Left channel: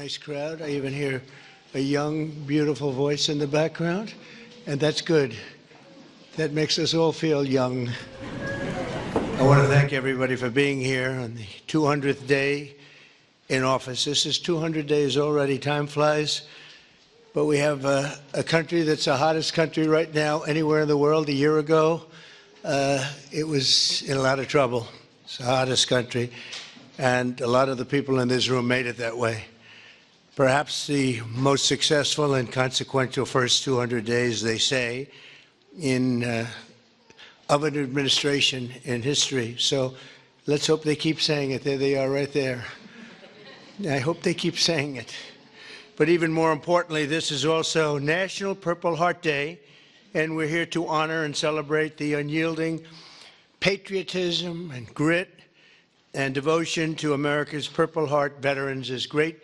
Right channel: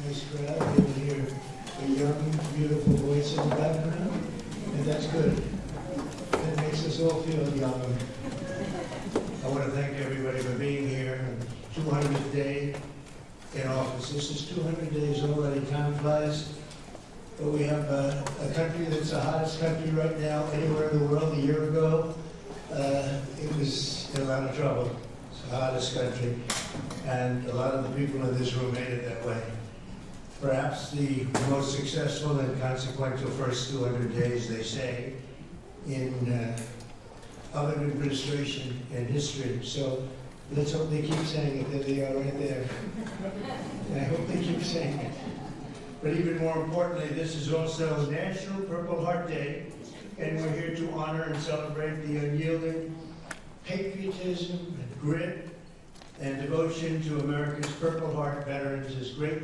Nice crowd. I even hear a young, beautiful voice in the background, and that's good. That makes us all feel young. I want to thank everybody for being here on the 200th day in office. This is 200 days already. Time flies. But we have a country that's the hottest country right now anywhere in the world. A year ago, it was in a lot of trouble. It's the hottest country. And a lot of the people in this room made it that way. Perhaps the most successful and consequential first 200 days, they say, of an administration in history. So let's hope they keep saying it. There they are right there. I hope they keep saying it. But even more importantly, this is also National Purple Heart Day, and we're here to honor and celebrate the unyielding patriotism and grit and devotion to America's Purple Heart veterans. Is great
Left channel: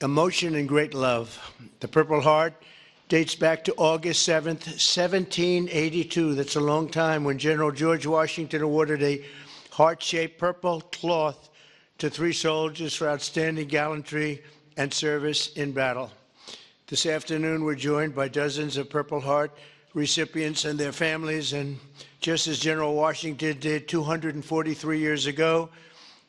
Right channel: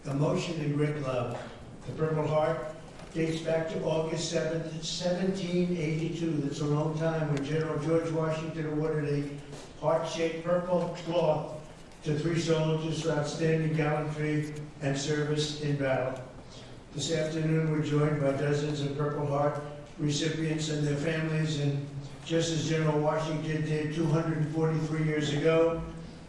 emotion and great love. The Purple Heart dates back to August 7th, 1782. That's a long time, when General George Washington awarded a heart-shaped purple cloth to 3 soldiers for outstanding gallantry and service in battle. This afternoon, we're joined by dozens of Purple Heart recipients and their families, and just as General Washington did 243 years ago,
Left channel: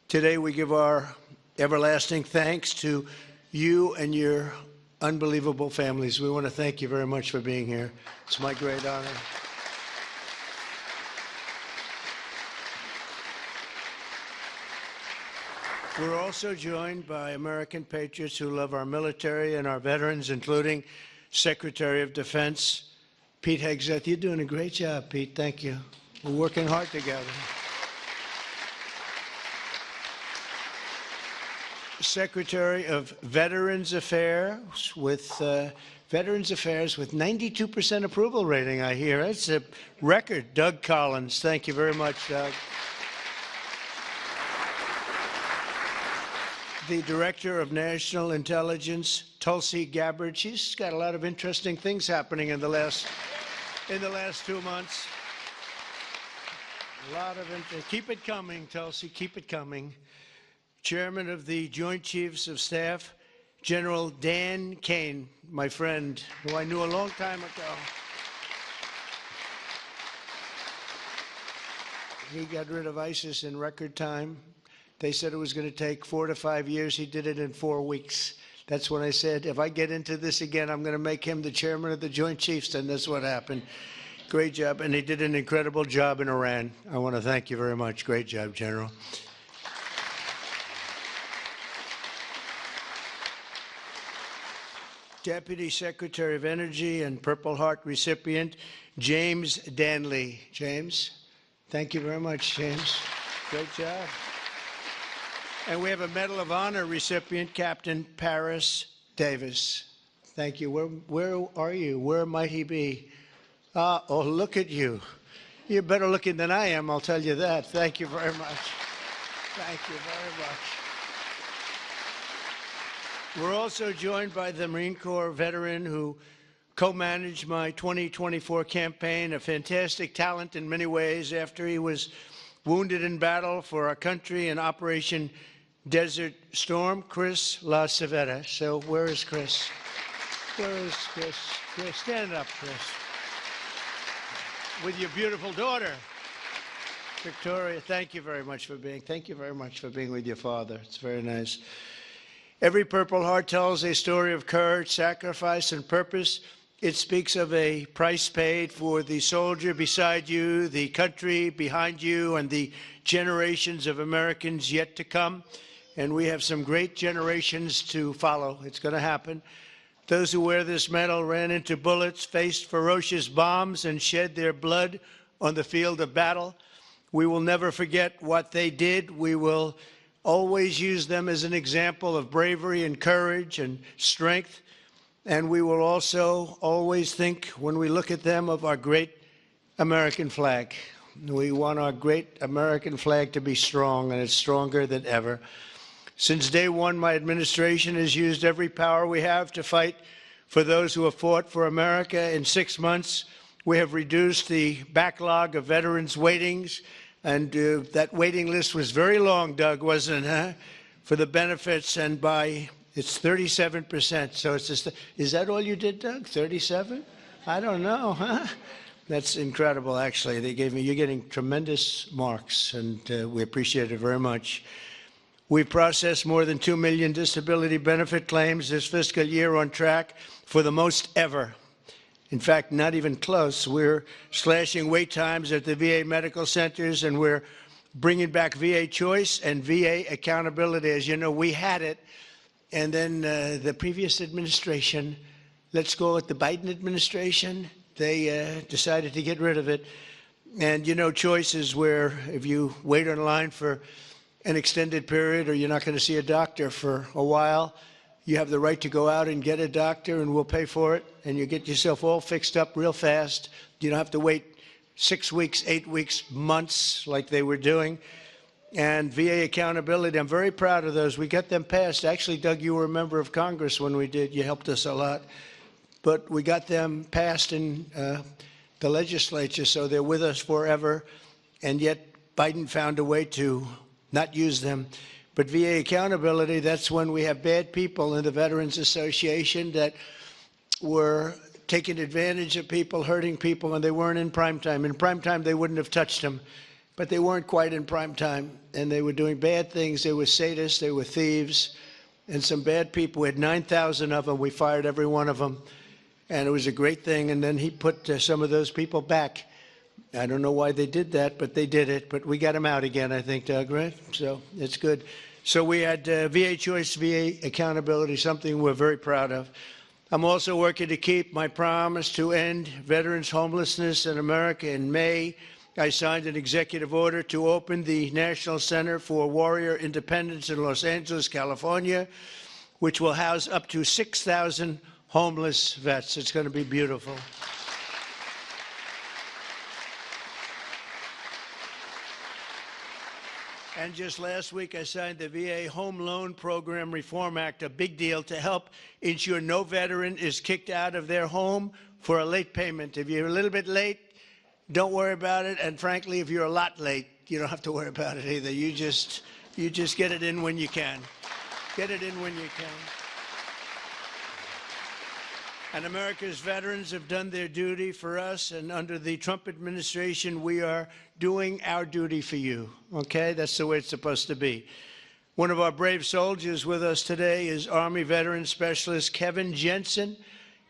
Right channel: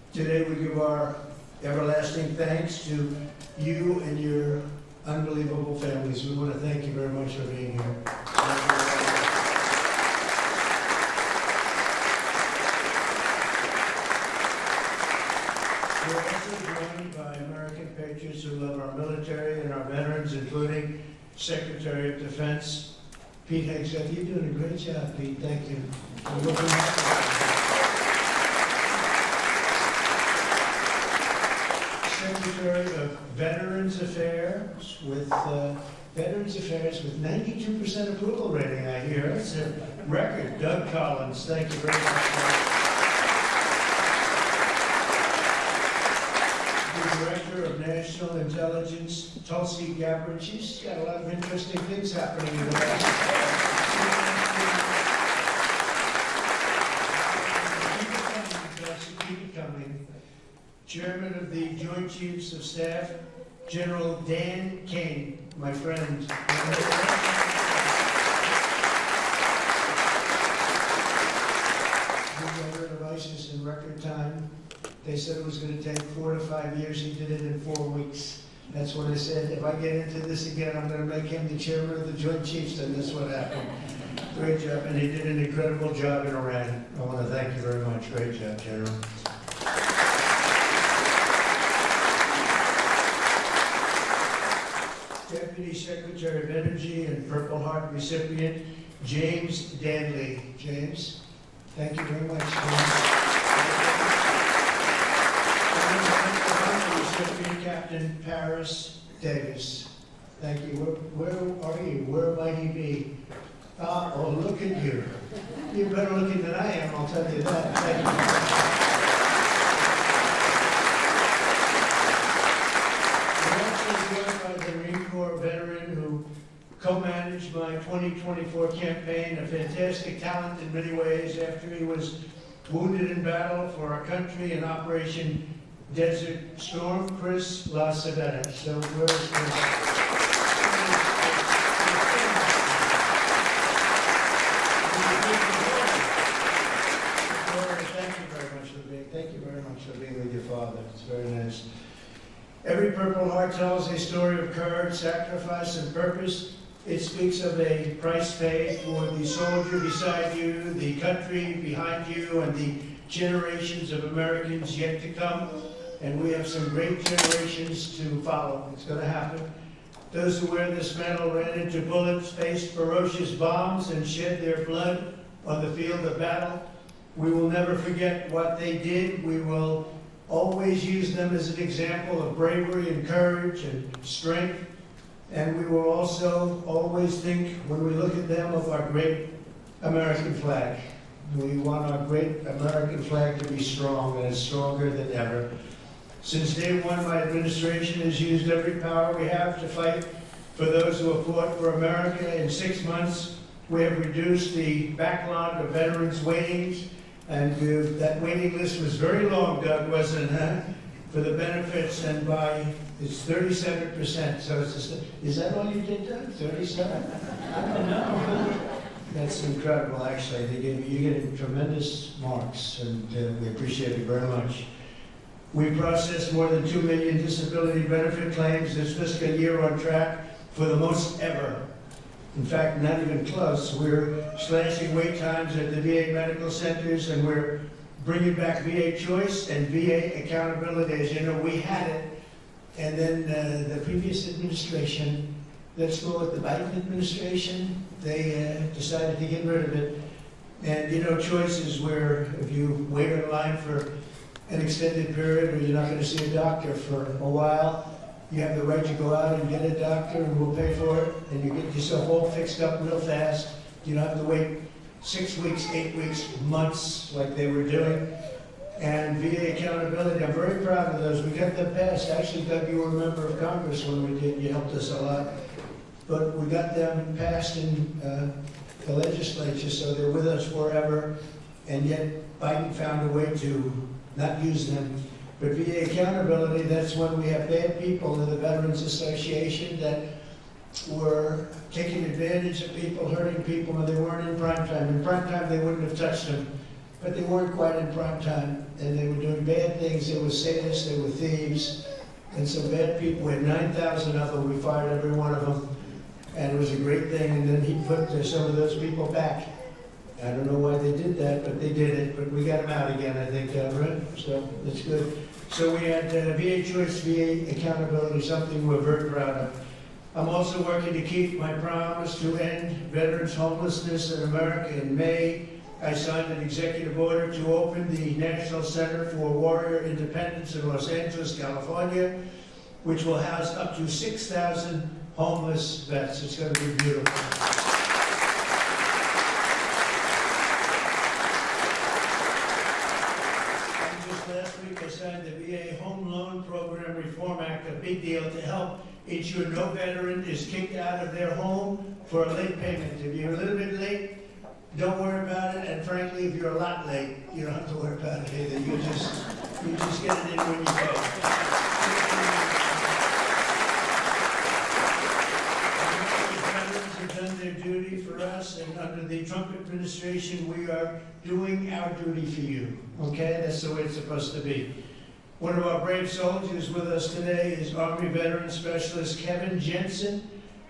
today we give our everlasting thanks to you and your unbelievable families. We want to thank you very much for being here. It's my joy. We're also joined by American patriots who love our military and our veterans, including Secretary of Defense Pete Hegseth. You're doing a great job, Pete. Thank you. We're working hard together. Secretary of Veterans Affairs with 92% approval rating, I hear. It's a record. Doug Collins. Thank you very much, Doug. The Director of National Intelligence, Tulsi Gabbard. She's got a lot of interesting things happening in the last 2 months. Keep it coming, Tulsi, keep it coming. Chairman of the Joint Chiefs of Staff, General Dan Kane, my friend, who I know a long time. He got rid of ISIS in record time. They said it was going to take 4 to 5 years. He did it in 4 weeks. That's when I said, if I get into this again, I'm going to make him the chairman of the Joint Chiefs, and that's what happened. Great job, and he did an incredible job in Iran. I want to thank you very much. Great job, General. Deputy Secretary of Energy and Purple Heart recipient, James Danley. James, thank you very much, James. And the Medal of Honor recipient, Captain Paris Davis. Thank you. Where are you? Where might he be? Oh, look at you. You're better looking than I am, I'll tell you that. Thank you very much. Joined by the Marine Corps veteran who co-managed my 2024 campaign, a fantastic talent in many ways after he was wounded in battle for our country in Operation Desert Storm, Chris LaCivetta. So where is Chris? Thank you very much for being with your father. It's very nice. Every Purple Heart tells a story of courage, sacrifice, and purpose. It speaks of a price paid for the soldier beside you, the country behind you, and the generations of Americans yet to come. And we have some great generations to follow. It's going to happen. Those who wear this medal ran into bullets, faced ferocious bombs, and shed their blood on the field of battle. We will never forget what they did. We will always use them as an example of bravery and courage and strength. And we will also always think, when we look at them, of our great American flag. We want our great American flag to be strong, and it's stronger than ever. Since day one, my administration has used every power we have to fight for those who have fought for America. In 6 months, we have reduced the backlog of veterans' waitings. And that waiting list was very long, Doug, wasn't it? Huh? for the benefits, and it's 37%. So it's just, is that all you did, Doug? 37? I don't know, huh? That's incredible, actually. You're getting tremendous marks, and we appreciate it very much. We processed more than 2 million disability benefit claims this fiscal year, on track for the most ever. In fact, not even close. We're slashing wait times at the VA medical centers, and we're bringing back VA choice and VA accountability. As you know, we had it, and then the previous administration, let's go with the Biden administration, they decided to get rid of it. And you know, choice is where if you wait in line for an extended period, or you're not going to see a doctor for a while, you have the right to go out and get a doctor, and we'll pay for it, and you get yourself all fixed up real fast. You don't have to wait 6 weeks, 8 weeks, months like they were doing. And VA accountability, I'm very proud of those. We got them passed. Actually, Doug, you were a member of Congress when we did. You helped us a lot. But we got them passed in the legislature, so they're with us forever. And yet Biden found a way to not use them. But VA accountability, that's when we have bad people in the Veterans Association that were taking advantage of people, hurting people, and they weren't in prime time. In prime time, they wouldn't have touched them, but they weren't quite in prime time, and they were doing bad things. They were sadists, they were thieves, and some bad people. We had 9,000 of them. We fired every one of them, and it was a great thing. And then he put some of those people back. I don't know why they did that, but they did it. But we got them out again, I think, Doug, right? So it's good. So we had VA choice, VA accountability, something we're very proud of. I'm also working to keep my promise to end veterans' homelessness in America. In May, I signed an executive order to open the National Center for Warrior Independence in Los Angeles, California, which will house up to 6,000 homeless vets. It's going to be beautiful. Last week I signed the VA Home Loan Program Reform Act, a big deal, to help ensure no veteran is kicked out of their home for a late payment. If you're a little bit late, don't worry about it. And frankly, if you're a lot late, you don't have to worry about it either. You just get it in when you can. Get it in when you can. America's veterans have done their duty for us, and under the Trump administration, we are doing our duty for you, okay? That's the way it's supposed to be. One of our brave soldiers with us today is Army Veteran Specialist Kevin Jensen.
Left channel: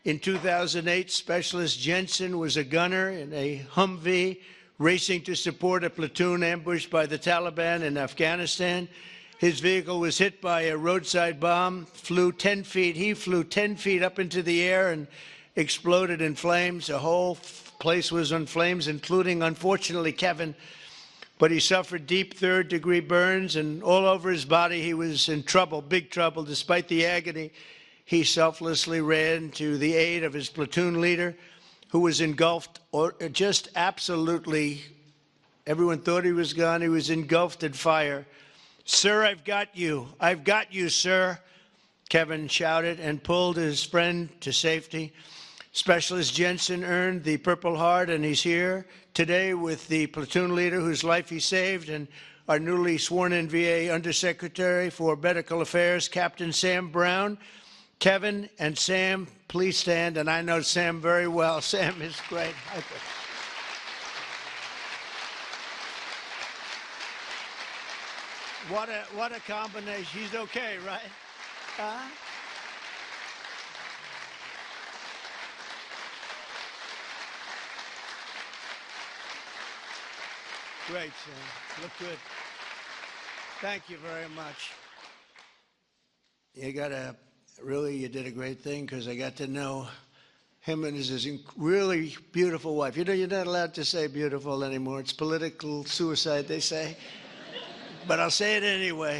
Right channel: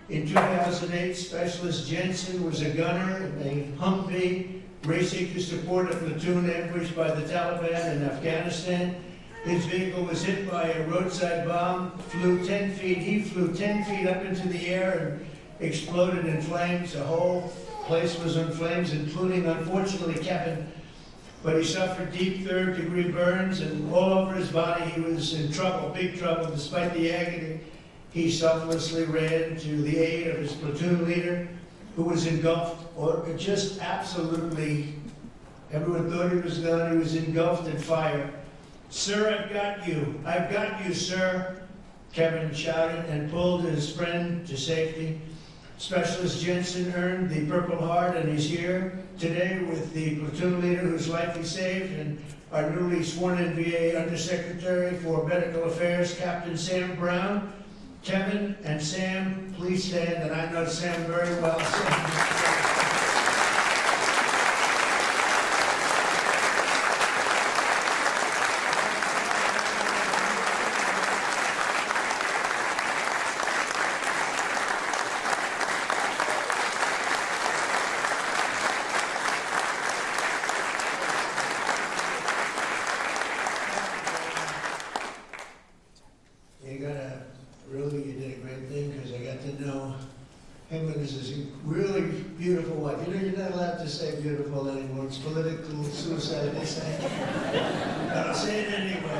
In 2008, Specialist Jensen was a gunner in a Humvee racing to support a platoon ambushed by the Taliban in Afghanistan. His vehicle was hit by a roadside bomb, flew 10 feet. He flew 10 feet up into the air and exploded in flames. The whole place was in flames, including, unfortunately, Kevin. But he suffered deep third-degree burns, and all over his body he was in trouble, big trouble. Despite the agony, he selflessly ran to the aid of his platoon leader, who was engulfed, or just absolutely, everyone thought he was gone. He was engulfed in fire. "Sir, I've got you. I've got you, sir," Kevin shouted and pulled his friend to safety. Specialist Jensen earned the Purple Heart, and he's here today with the platoon leader whose life he saved, and our newly sworn-in VA Undersecretary for Medical Affairs, Captain Sam Brown. Kevin and Sam, please stand, and I know Sam very well. Sam is great. You did a great thing, because I got to know him and his really beautiful wife. You know, you're not allowed to say beautiful anymore. It's political suicide, they say. But I'll say it anyway.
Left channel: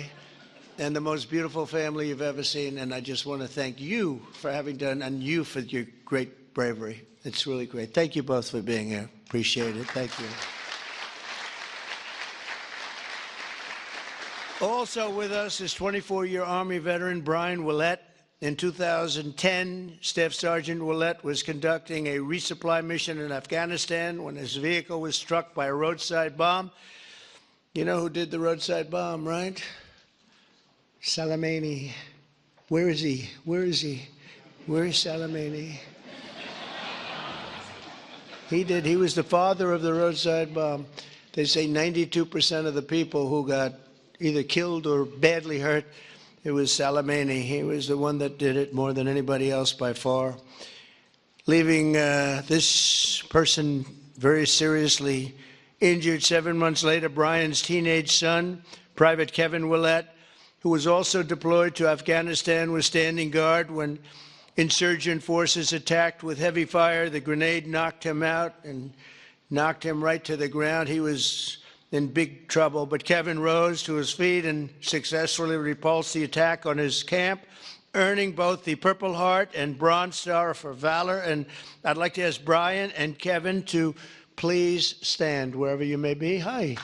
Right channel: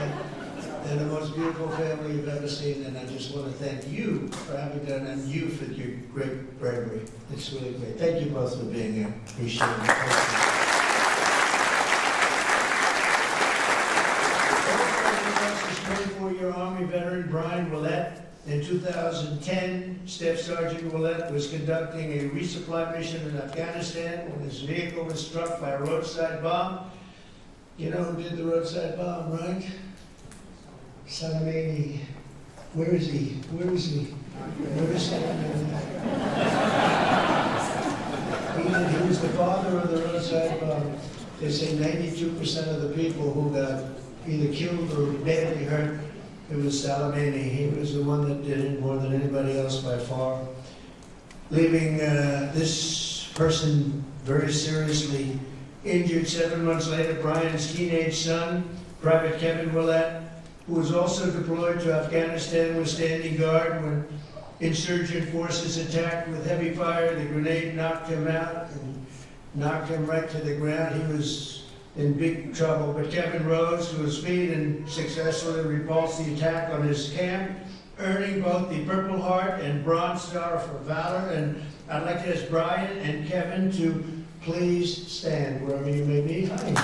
And the most beautiful family you've ever seen. And I just want to thank you for having done, and you for your great bravery. It's really great. Thank you both for being here. Appreciate it. Thank you. Also with us is 24-year Army veteran Brian Willett. In 2010, Staff Sergeant Willett was conducting a resupply mission in Afghanistan when his vehicle was struck by a roadside bomb. You know who did the roadside bomb, right? Salamani. Where is he? Where is he? Where is Salamani? He was the father of the roadside bomb. They say 92% of the people who got either killed or badly hurt, it was Salamani. He was the one that did it more than anybody else by far. Leaving this person very seriously injured 7 months later, Brian's teenage son, Private Kevin Willett, who was also deployed to Afghanistan, was standing guard when insurgent forces attacked with heavy fire. The grenade knocked him out and knocked him right to the ground. He was in big trouble, but Kevin rose to his feet and successfully repulsed the attack on his camp, earning both the Purple Heart and Bronze Star for valor. And I'd like to ask Brian and Kevin to please stand wherever you may be. Hi.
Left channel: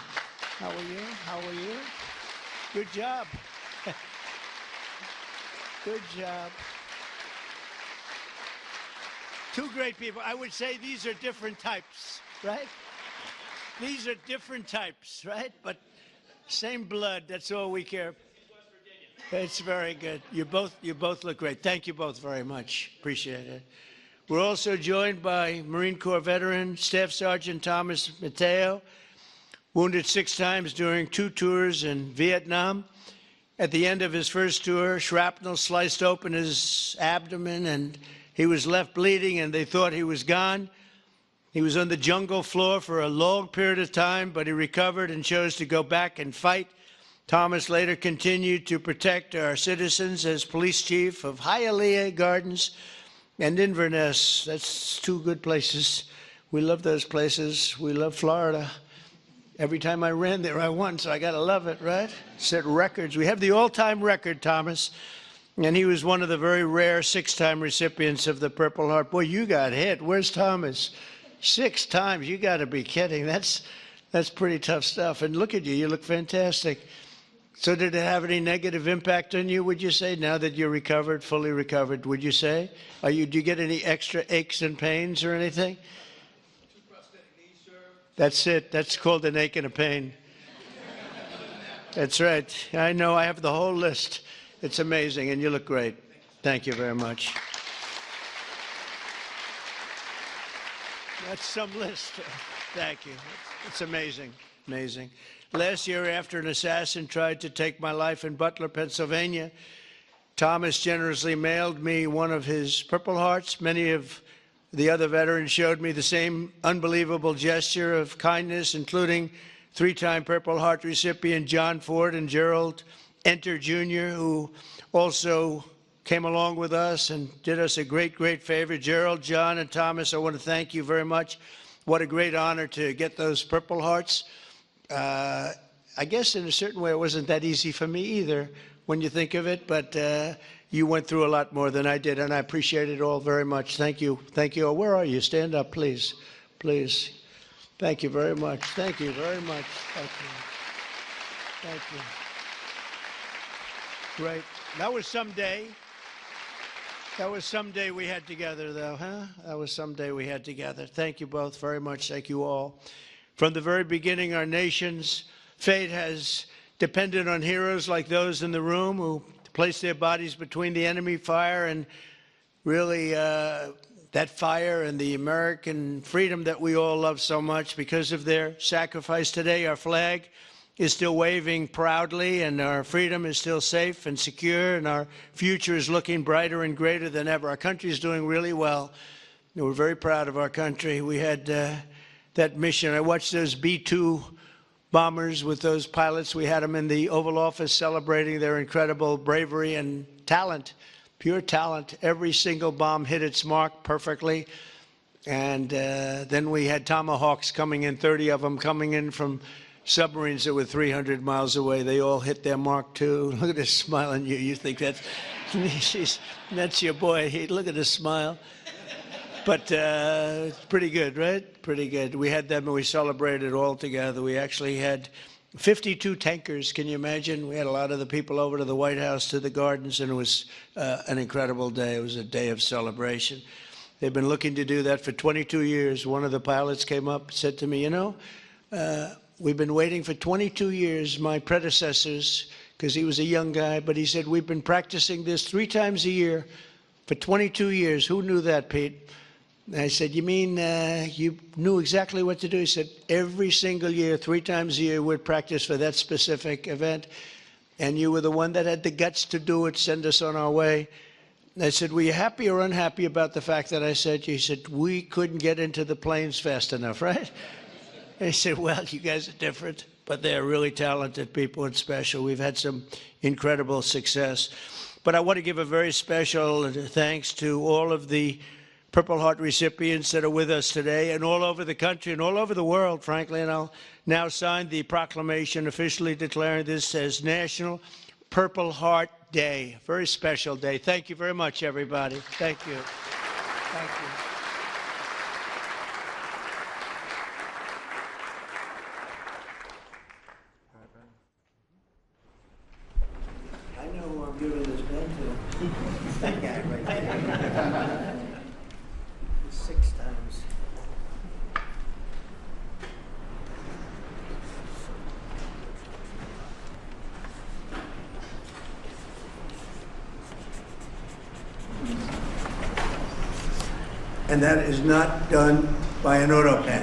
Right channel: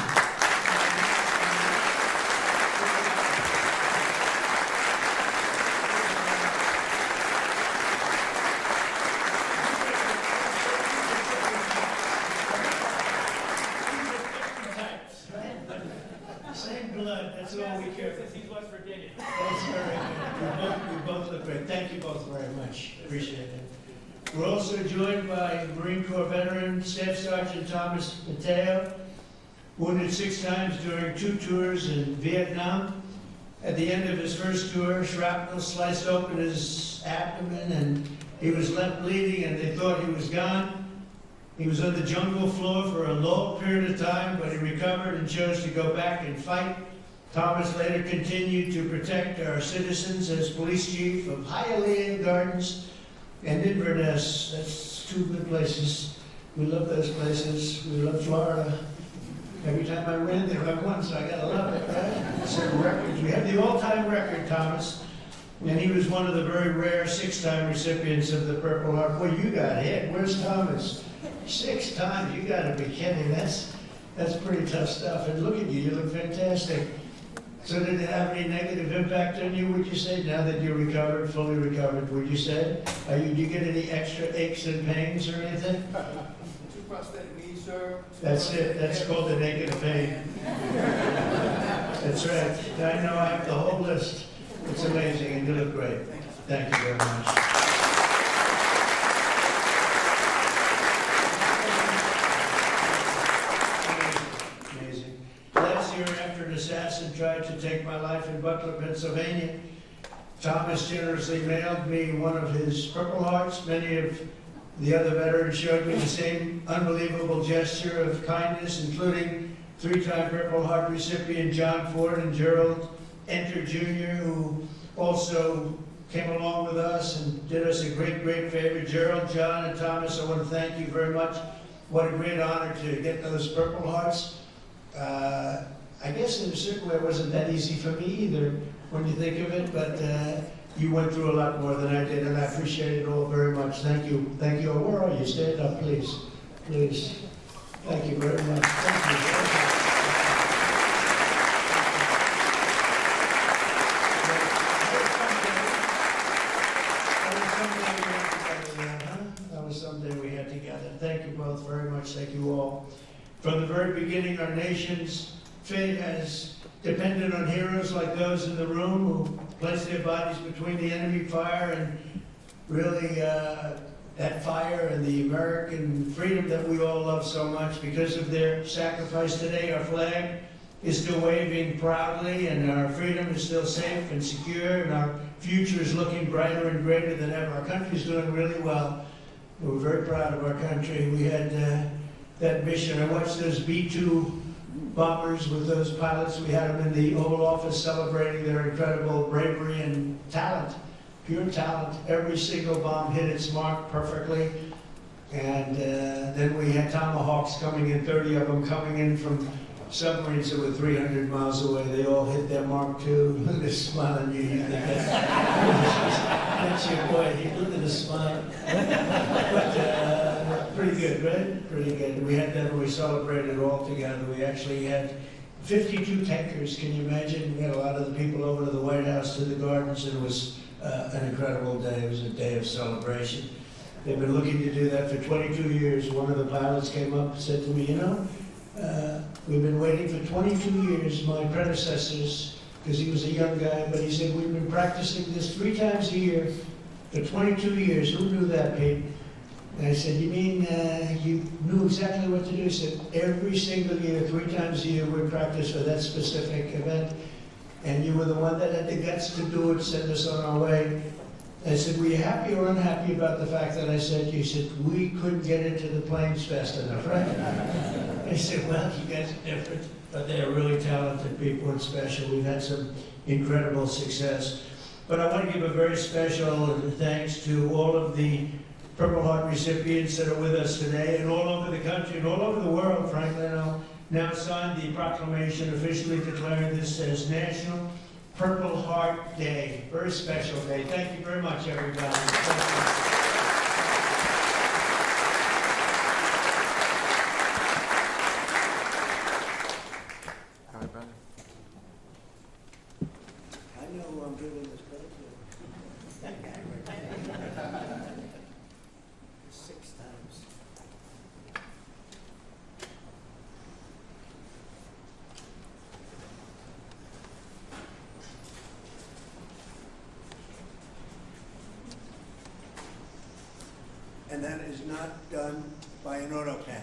Same blood, that's all we care for. He's West Virginia. That's very good. You both look great. Thank you both very much. Appreciate it. We're also joined by Marine Corps veteran Staff Sergeant Thomas Mateo, wounded 6 times during 2 tours in Vietnam. At the end of his first tour, shrapnel sliced open his abdomen and he was left bleeding and they thought he was gone. He was on the jungle floor for a long period of time, but he recovered and chose to go back and fight. Thomas later continued to protect our citizens as police chief of Hialeah Gardens and Inverness. That's 2 good places. We love those places. We love Florida. Every time I ran there, I won, so I gotta love it, right? Set records. We have the all-time record, Thomas. And he was one of the very rare 6-time recipients of the Purple Heart. Boy, you got hit. Where's Thomas? 6 times, you gotta be kidding. That's pretty tough stuff. And look at you, you look fantastic. So did it have any negative impact on you, would you say, now that you're recovered, fully recovered, would you say? Do you get any extra aches and pains or anything? 2 prosthetic knees, sir. That's it, that's called an ache and a pain. That's right, I know, I have the whole list. It's amazing, and you look great. Thank you very much. Amazing. Last year, after an assassin tried to take my life in Butler, Pennsylvania, Thomas generously mailed me one of his Purple Hearts. Many of the other veterans showed me the same unbelievable gesture of kindness, including 3-time Purple Heart recipient John Ford and Gerald Enter Jr., who also came along with us and did us a great, great favor. Gerald, John, and Thomas, I want to thank you very much. What a great honor to get those Purple Hearts. I guess in a certain way it wasn't that easy for me either when you think of it, but you went through a lot more than I did, and I appreciate it all very much. Thank you. Thank you. Where are you? Stand up, please. Please. Thank you very much. Thank you very much. Someday we had together there, huh? That was someday we had together. Thank you both very much. Thank you all. From the very beginning, our nation's fate has depended on heroes like those in the room who placed their bodies between the enemy fire and really that fire and the American freedom that we all love so much. Because of their sacrifice today, our flag is still waving proudly and our freedom is still safe and secure and our future is looking brighter and greater than ever. Our country is doing really well. We're very proud of our country. We had that mission. I watched those B-2 bombers with those pilots. We had them in the Oval Office celebrating their incredible bravery and talent, pure talent. Every single bomb hit its mark perfectly. And then we had Tomahawks coming in, 30 of them coming in from submarines that were 300 miles away. They all hit their mark too. Look at this smile on you. You think that's your boy. Look at this smile. But pretty good, right? Pretty good. We had them and we celebrated all together. We actually had 52 tankers. Can you imagine? We had a lot of the people over to the White House, to the gardens, and it was an incredible day. It was a day of celebration. They've been looking to do that for 22 years. One of the pilots came up and said to me, you know, we've been waiting for 22 years. My predecessors because he was a young guy, but he said, we've been practicing this 3 times a year for 22 years. Who knew that, Pete? And I said, you mean you knew exactly what to do? He said, every single year, 3 times a year, we'd practice for that specific event. And you were the one that had the guts to do it, send us on our way. And I said, were you happy or unhappy about the fact that I said you? He said, we couldn't get into the planes fast enough, right? I said, well, you guys are different, but they're really talented people and special. We've had some incredible success. But I want to give a very special thanks to all of the Purple Heart recipients that are with us today, and all over the country and all over the world, frankly. And I'll now sign the proclamation officially declaring this as National Purple Heart Day. Very special day. Thank you very much, everybody. Thank you. I know who I'm giving this pen to. That guy right there. 6 times. And that is not done by an auto pen.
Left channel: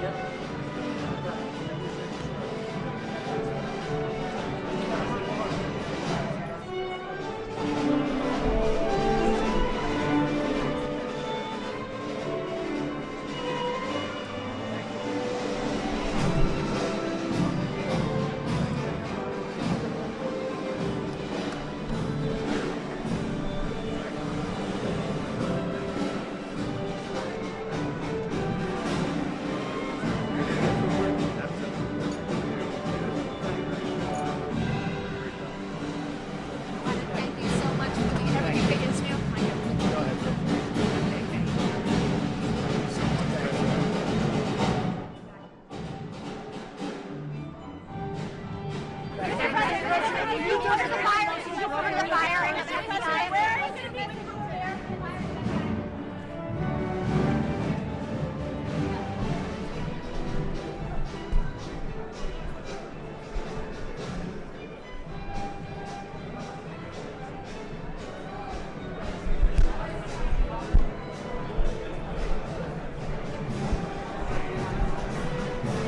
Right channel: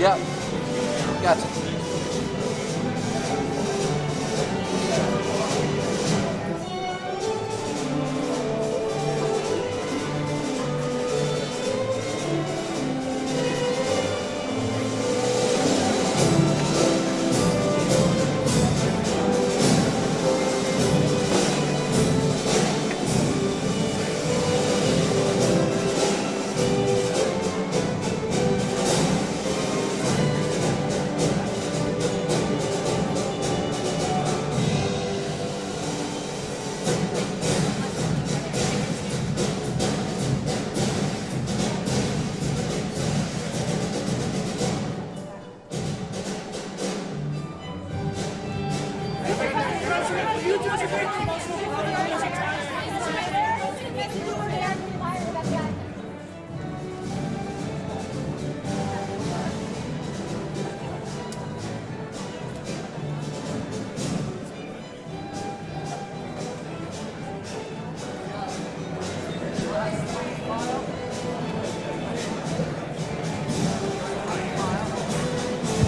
Yeah, gotcha.